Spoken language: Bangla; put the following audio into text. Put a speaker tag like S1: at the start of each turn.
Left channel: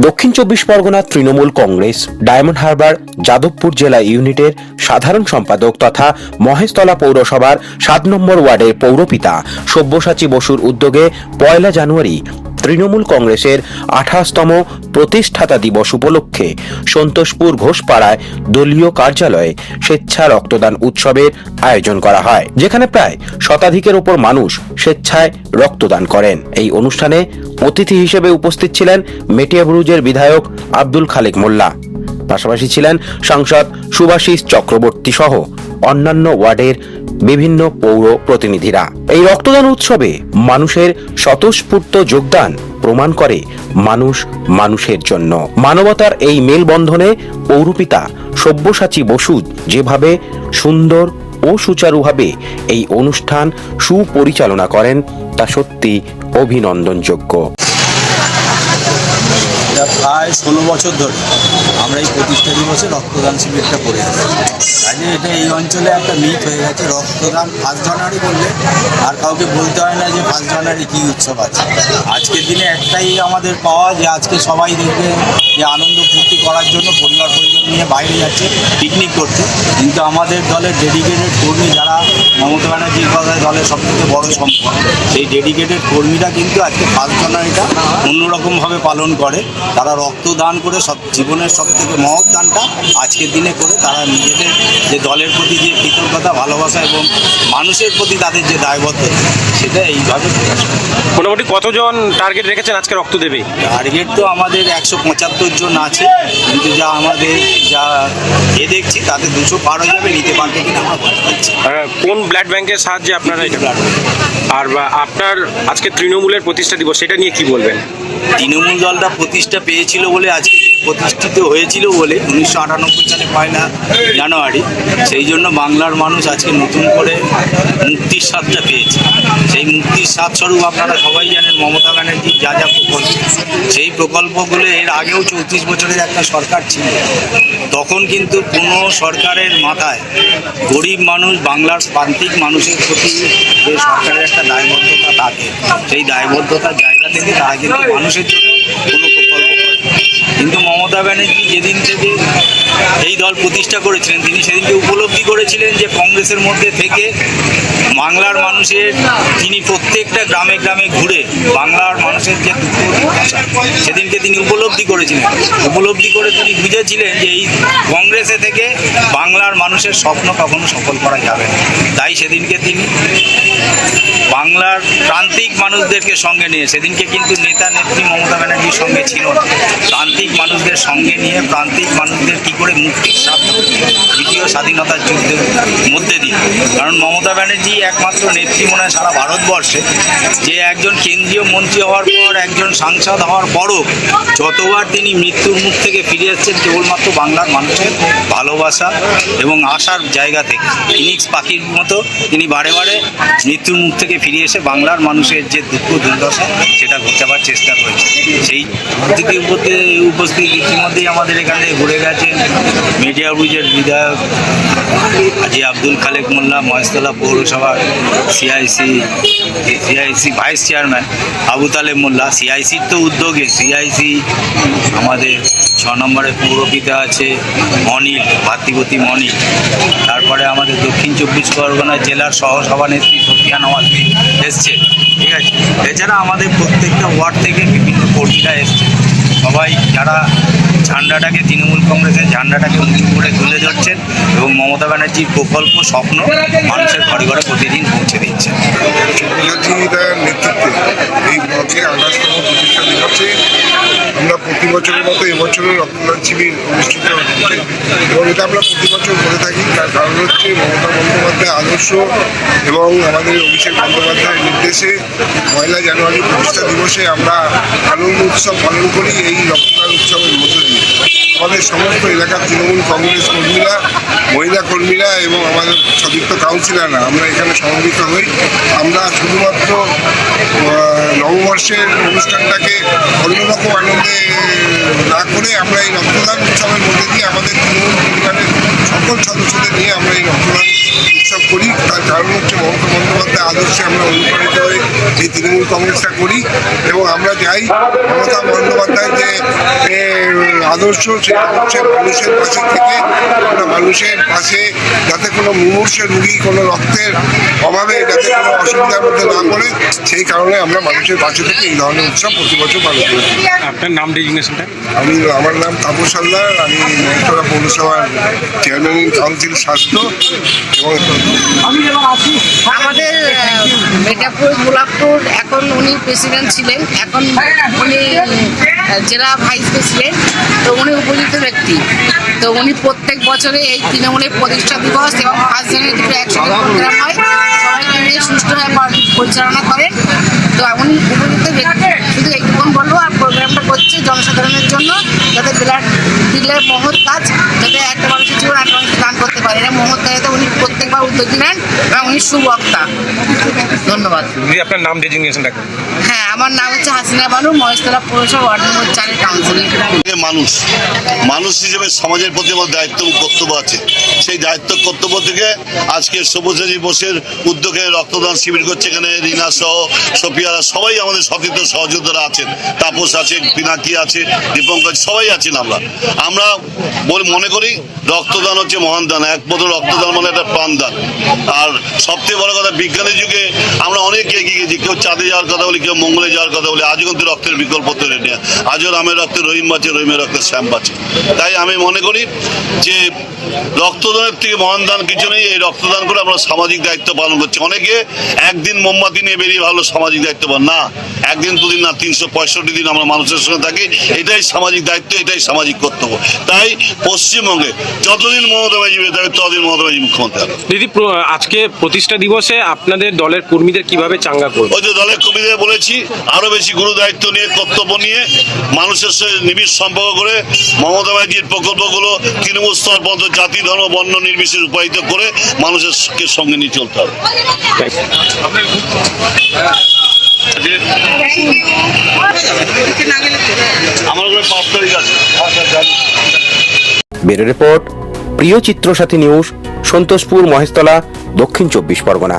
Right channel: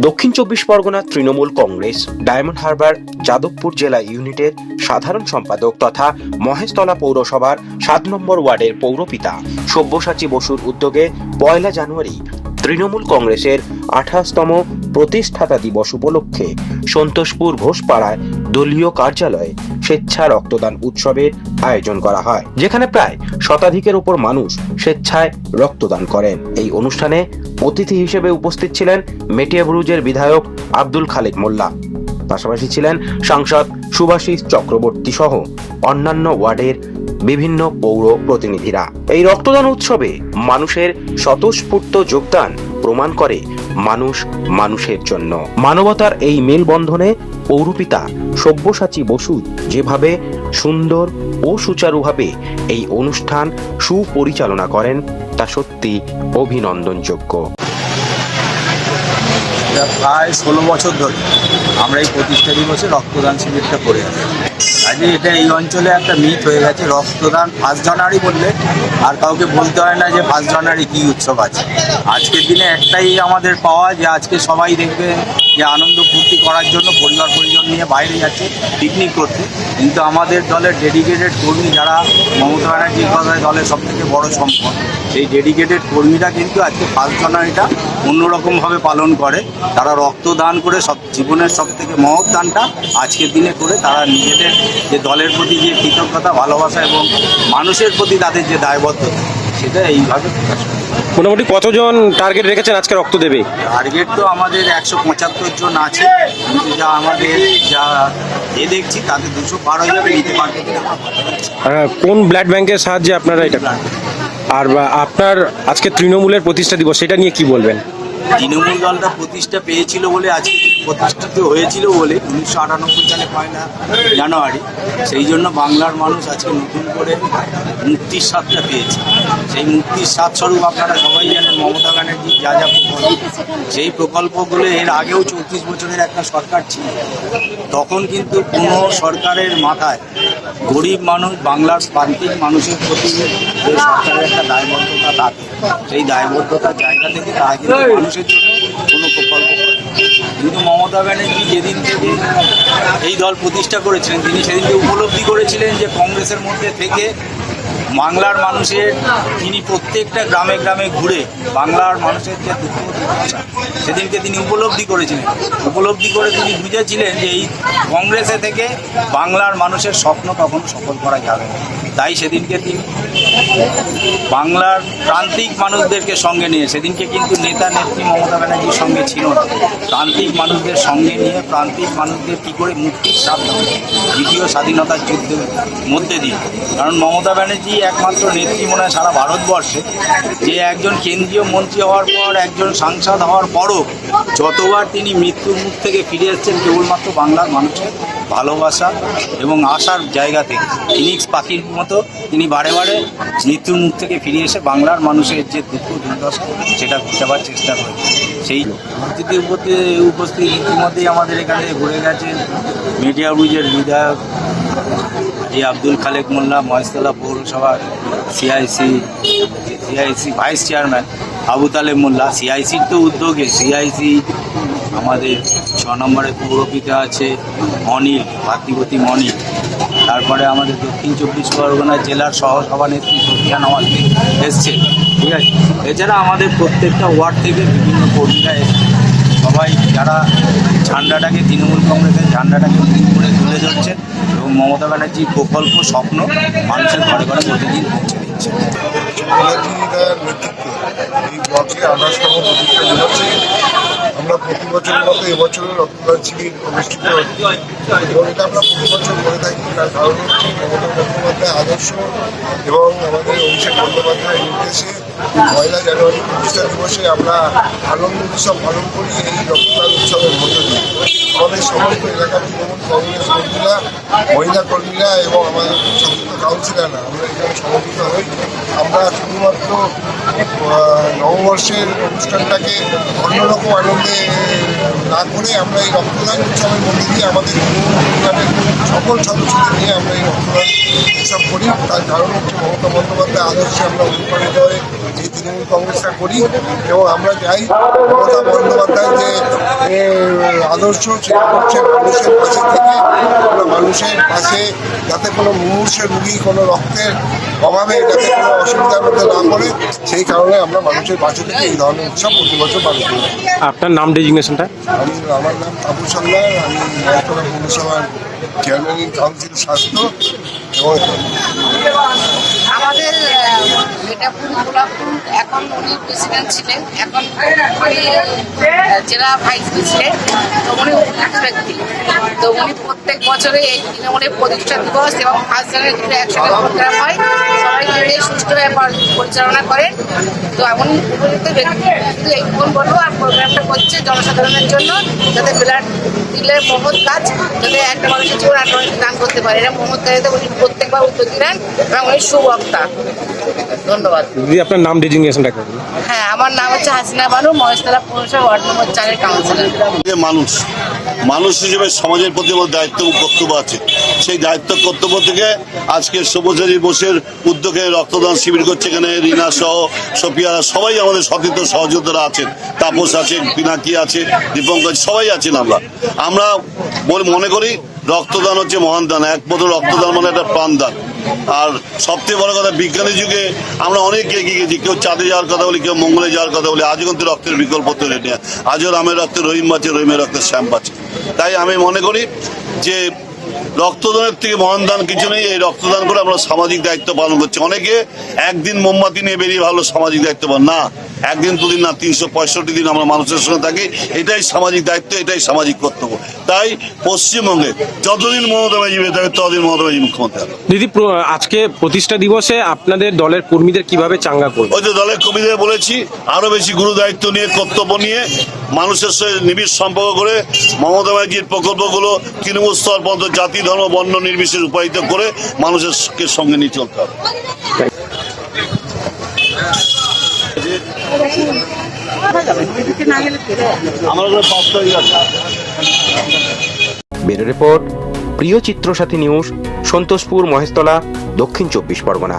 S1: Dakshin Chabbish Pargana Trinamool Congress, Diamond Harbour, Jadavpur জেলা ইউনিটের সাধারণ সম্পাদক তথা মহেশতলা পৌরসভার সাত নম্বর ওয়ার্ডের পৌরপিতা সব্যসাচী বসুর উদ্যোগে পয়লা জানুয়ারি তৃণমূল কংগ্রেসের আঠাশতম প্রতিষ্ঠাতা দিবস উপলক্ষে সন্তোষপুর ঘোষপাড়ায় দলীয় কার্যালয়ে স্বেচ্ছা রক্তদান উৎসবের আয়োজন করা হয়, যেখানে প্রায় শতাধিকের ওপর মানুষ স্বেচ্ছায় রক্তদান করেন। এই অনুষ্ঠানে অতিথি হিসেবে উপস্থিত ছিলেন মেটিয়াবুরুজের বিধায়ক আব্দুল খালেক মোল্লা। পাশাপাশি ছিলেন সাংসদ সুভাষিস চক্রবর্তী সহ অন্যান্য ওয়ার্ডের বিভিন্ন পৌর প্রতিনিধিরা। এই রক্তদান উৎসবে মানুষের স্বতঃস্ফূর্ত যোগদান প্রমাণ করে মানুষ মানুষের জন্য। মানবতার এই মেলবন্ধনে পৌরপিতা সব্যসাচী বসু যেভাবে সুন্দর ও সুচারুভাবে এই অনুষ্ঠান সুপরিচালনা করেন, তা সত্যি অভিনন্দনযোগ্য।
S2: এটা প্রায় ষোলো বছর ধরে আমরা এই প্রতিষ্ঠা দিবসে রক্তদান শিবিরটা করে আসছি কাজে এটা এই অঞ্চলে একটা মিথ হয়ে গেছে। রক্তদান ফার্স্ট জানুয়ারি বললে আর কাউকে বলতে হয় না যে ফার্স্ট জানুয়ারি কী উৎসব আছে। আজকের দিনে একটাই আমাদের পাওয়া যে আজকে সবাই দেখবে যে আনন্দ ফুর্তি করার জন্য পরিবার পরিজন নিয়ে বাইরে যাচ্ছে পিকনিক করছে। কিন্তু আমাদের দলের ডেডিকেটেড কর্মী যারা মমতা ব্যানার্জির কথায় দলের সবথেকে বড় সম্পদ, সেই ডেডিকেটেড কর্মীরা কিন্তু আজকে ফার্স্ট জানুয়ারিটা অন্যরকমভাবে পালন করে। তারা রক্তদান করে সব জীবনের সব থেকে মহৎ দানটা আজকের দিনে করে তারা নিজেদের যে দলের প্রতি যে কৃতজ্ঞতা ভালোবাসা এবং মানুষের প্রতি তাদের যে দায়বদ্ধতা সেটা এইভাবে প্রকাশ করে।
S3: মোটামুটি কতজন টার্গেট রেখেছেন আজকে রক্ত দেবে?
S2: টার্গেট তো আমাদের একশো পঁচাত্তর জন আছে কিন্তু যা আমাদের যা এ দেখছি তাতে দুশো পার হয়ে যাবে নিতে পারবে কিনা আমরা বলতে পারছি না।
S3: কোন ব্লাড ব্যাংকের সাহায্যে আপনারা এটা আর আপনার আজকে তৃণমূলের প্রতিষ্ঠা দিবস সেটা নিয়ে কি বলবেন?
S2: তৃণমূল দলটা প্রতিষ্ঠা পেয়েছিল বলে আজকে প্রতিষ্ঠিত হয়েছিল বলে উনিশশো আটানব্বই সালে পয়লা জানুয়ারি। সেই জন্য বাংলার মানুষ আজকে নতুন করে মুক্তির স্বাদটা পেয়েছে। সেই মুক্তির স্বাদ স্বরূপ আপনারা সবাই জানেন, মমতা ব্যানার্জি যা যা প্রকল্প। সেই প্রকল্পগুলো এর আগেও চৌত্রিশ বছরের একটা সরকার ছিল। তখন কিন্তু কোনো সরকারের মাথায় গরিব মানুষ, বাংলার প্রান্তিক মানুষের প্রতি যে সরকারের একটা দায়বদ্ধতা থাকে, সেই দায়বদ্ধতার জায়গা থেকে তারা কিন্তু মানুষের জন্য কোনো প্রকল্প কিন্তু মমতা ব্যানার্জি যেদিন থেকে এই দল প্রতিষ্ঠা করেছিলেন, তিনি সেদিনকে উপলব্ধি করেছিলেন যে কংগ্রেসের মধ্যে থেকে বাংলার মানুষের তিনি প্রত্যেকটা গ্রামে গ্রামে ঘুরে বাংলার মানুষের যে দুঃখ দুর্দশা সেদিনকে তিনি উপলব্ধি করেছিলেন। উপলব্ধি করে তিনি বুঝেছিলেন যে এই কংগ্রেসে থেকে বাংলার মানুষের স্বপ্ন কখনো সফল করা যাবে না। তাই সেদিনকে তিনি বাংলার প্রান্তিক মানুষদেরকে সঙ্গে নিয়ে সেদিনকে কিন্তু নেতা নেত্রী মমতা ব্যানার্জির সঙ্গে ছিল না। প্রান্তিক মানুষদের সঙ্গে নিয়ে প্রান্তিক মানুষদের কী করে মুক্তির যায়, দ্বিতীয় স্বাধীনতার যুদ্ধের মধ্যে দিয়ে। কারণ মমতা ব্যানার্জি একমাত্র নেত্রী মনে হয় সারা ভারতবর্ষে, যে একজন কেন্দ্রীয় মন্ত্রী হওয়ার পর, একজন সাংসদ হওয়ার পরও যতবার তিনি মৃত্যুর মুখ থেকে ফিরে এসেছেন, কেবলমাত্র বাংলার মানুষের ভালোবাসা এবং আশার জায়গা থেকে। ফিনিক্স পাখির মতো তিনি বারে বারে মৃত্যুর মুখ থেকে ফিরে এসে বাংলার মানুষের যে দুঃখ দুর্দশা, সেটা ঘুচাবার চেষ্টা করেছে সেই অতিথি উপস্থিত ইতিমধ্যেই আমাদের এখানে থেকে ঘুরে গেছেন। মিডিয়া ব্রিজের বিধায়ক আজি আব্দুল খালেক মোল্লা, মহেশতলা পৌরসভার CIC CIC vice chairman Abu Taleb Molla. সিআইসির তো উদ্যোগে, সিআইসি আমাদের ছ নম্বরে পৌরপিতা আছে অনিল, ভাতৃপতি মনিল তারপরে আমাদের দক্ষিণ চব্বিশ পরগনা জেলার সহসভানেত্রী সফিয়া নওয়াজ এসছে, ঠিক আছে? এছাড়া আমাদের প্রত্যেকটা ওয়ার্ড থেকে বিভিন্ন কর্মীরা এসছে। সবাই যারা ঝান্ডাটাকে, তৃণমূল কংগ্রেসের ঝান্ডাটাকে উঁচু করে তুলে ধরছেন এবং মমতা ব্যানার্জির প্রকল্প স্বপ্ন মানুষের ঘরে ঘরে প্রতিদিন পৌঁছে
S4: ব্যানার্জির নেতৃত্বে এই ব্লকে আঠাশতম প্রতিষ্ঠা দিবসে আমরা প্রতি বছরের মতো এবছরও রক্তদান শিবির অনুষ্ঠিত হচ্ছে এবং এটা আমরা প্রতি বছর করে থাকি। তার কারণ হচ্ছে মমতা বন্দ্যোপাধ্যায় আদর্শ এবং আমাদের অভিষেক বন্দ্যোপাধ্যায়ের নির্দেশে পয়লা জানুয়ারি প্রতিষ্ঠা দিবসে আমরা আনন্দ উৎসব পালন করি এই রক্তদান উৎসবের মধ্য দিয়ে। আমাদের সমস্ত এলাকার তৃণমূল কংগ্রেস কর্মীরা, মহিলা কর্মীরা এবং আমাদের সতীর্থ কাউন্সিলাররা আমরা এখানে সমবেত হই। আমরা শুধুমাত্র নববর্ষের অনুষ্ঠানটাকে অন্যরকম আনন্দে না করে আমরা এই রক্তদান উৎসবের মধ্যে দিয়ে আমাদের তৃণমূল পরিবারের সকল সদস্যদের নিয়ে আমরা এই রক্তদান উৎসব করি। তার কারণ হচ্ছে মমতা বন্দ্যোপাধ্যায় আদর্শে আমরা অনুপ্রাণিত হয়ে এই তৃণমূল কংগ্রেসটা করি এবং আমরা চাই মমতা বন্দ্যোপাধ্যায় যে আদর্শ সেই আদর্শে মানুষের পাশে থেকে মানুষের পাশে যাতে কোনো মুমূর্ষে রুগী কোনো রক্তের অভাবে যাতে কোনো অসুবিধার মধ্যে না পড়ে সেই কারণে আমরা মানুষের পাশে থেকে এই ধরনের উৎসব প্রতি বছর পালন করি।
S3: আপনার নাম ডেজিগনেশনটা?
S4: আমি আমার নাম তাপস হালদার আমি নয়তলা পৌরসভার চেয়ারম্যান ইন কাউন্সিল স্বাস্থ্য এবং
S5: আমাদের মেটাপুর গোলাপপুর এখন উনি প্রেসিডেন্ট ছিলেন, এখন উনি জেলা ভাইস প্রেসিডেন্ট তো উনি উপযুক্ত ব্যক্তি। তো উনি প্রত্যেক বছরে এই তৃণমূলের প্রতিষ্ঠা দিবস এবং ফার্স্ট জানুয়ারি দুটো একসাথে প্রোগ্রাম হয়। সবাই মিলে সুষ্ঠুভাবে পরিচালনা করেন। তো এমন উপযুক্ত ব্যক্তি শুধু এইটুকুন বলব আর প্রোগ্রামটা করছে জনসাধারণের জন্য যাতে ব্লাড দিলে মহৎ কাজ যাতে একটা মানুষের জীবন একটা মানুষকে দান করতে পারে। এটা মহৎ কাজে উনি প্রত্যেকবার উদ্যোগী নেন এবং উনি সুবক্তা। ধন্যবাদ।
S3: দিদি আপনার নাম ডেজিগনেশনটা
S5: হ্যাঁ আমার নাম হচ্ছে হাসিনা বানু মহেশতলা পৌরসভা ওয়ার্ড নম্বর চারের কাউন্সিলর
S6: মানুষ। মানুষ হিসেবে সমাজের প্রতি আমার দায়িত্ব এবং কর্তব্য আছে। সেই দায়িত্ব কর্তব্য থেকে আজকে সবুজ বোসের উদ্যোগে রক্তদান শিবির করছে এখানে রিনা সহ সোফিয়া সবাই আমাদের সতীর্থ সহযোদ্ধারা আছেন। তাপস আছে পিনাকি আছে, দীপঙ্কজ, সবাই আছেন আমরা। আমরা মনে করি রক্তদান হচ্ছে মহান দান, একমাত্র রক্তদান মানে একটা প্রাণদান আর সবথেকে বড় কথা বিজ্ঞানের যুগে আমরা অনেক এগিয়ে গেছি, কেউ চাঁদে যাওয়ার কথা বলি, কেউ মঙ্গলে যাওয়ার কথা বলি, আজও কিন্তু রক্তের বিকল্প তৈরি নেই। আজও রামের রক্তে রহিম বাঁচে রহিমের রক্তে শ্যাম বাঁচে তাই আমি মনে করি যে রক্তদানের থেকে মহান দান কিছু নেই, এই রক্তদান করে আমরা সামাজিক দায়িত্ব পালন করছি। অনেকে একদিন মোমবাতি নিয়ে বেরিয়ে ভালো সামাজিক দায়িত্ব পালন না, একদিন, দুদিন না, তিনশো পঁয়ষট্টি দিন আমরা মানুষের সঙ্গে থাকি, এটাই সামাজিক দায়িত্ব, এটাই সামাজিক কর্তব্য। তাই পশ্চিমবঙ্গে যতদিন মমতা ব্যানার্জি থাকবে ততদিন মমতা ব্যানার্জি মুখ্যমন্ত্রী হবে।
S3: দিদি আজকে প্রতিষ্ঠা দিবসে আপনাদের দলের কর্মীদের কীভাবে চাঙ্গা করবে?
S6: ওই যে দলের কবিদের বলেছি আরও বেশি গুরু দায়িত্ব নিয়ে কর্তব্য নিয়ে মানুষের সাথে নিবিড় সম্পর্ক করে মমতা ব্যানার্জির প্রকল্পগুলো তৃণমূল স্তর পর্যন্ত জাতি ধর্ম বর্ণ নির্বিশেষ রূপায়িত করে মানুষের সঙ্গে নিয়ে চলতে হবে। আমার ওখানে পাঁচ তারিখ আছে।
S1: ব্যুরো রিপোর্ট প্রিয় চিত্রসাথী নিউজ সন্তোষপুর মহেশতলা দক্ষিণ চব্বিশ পরগনা।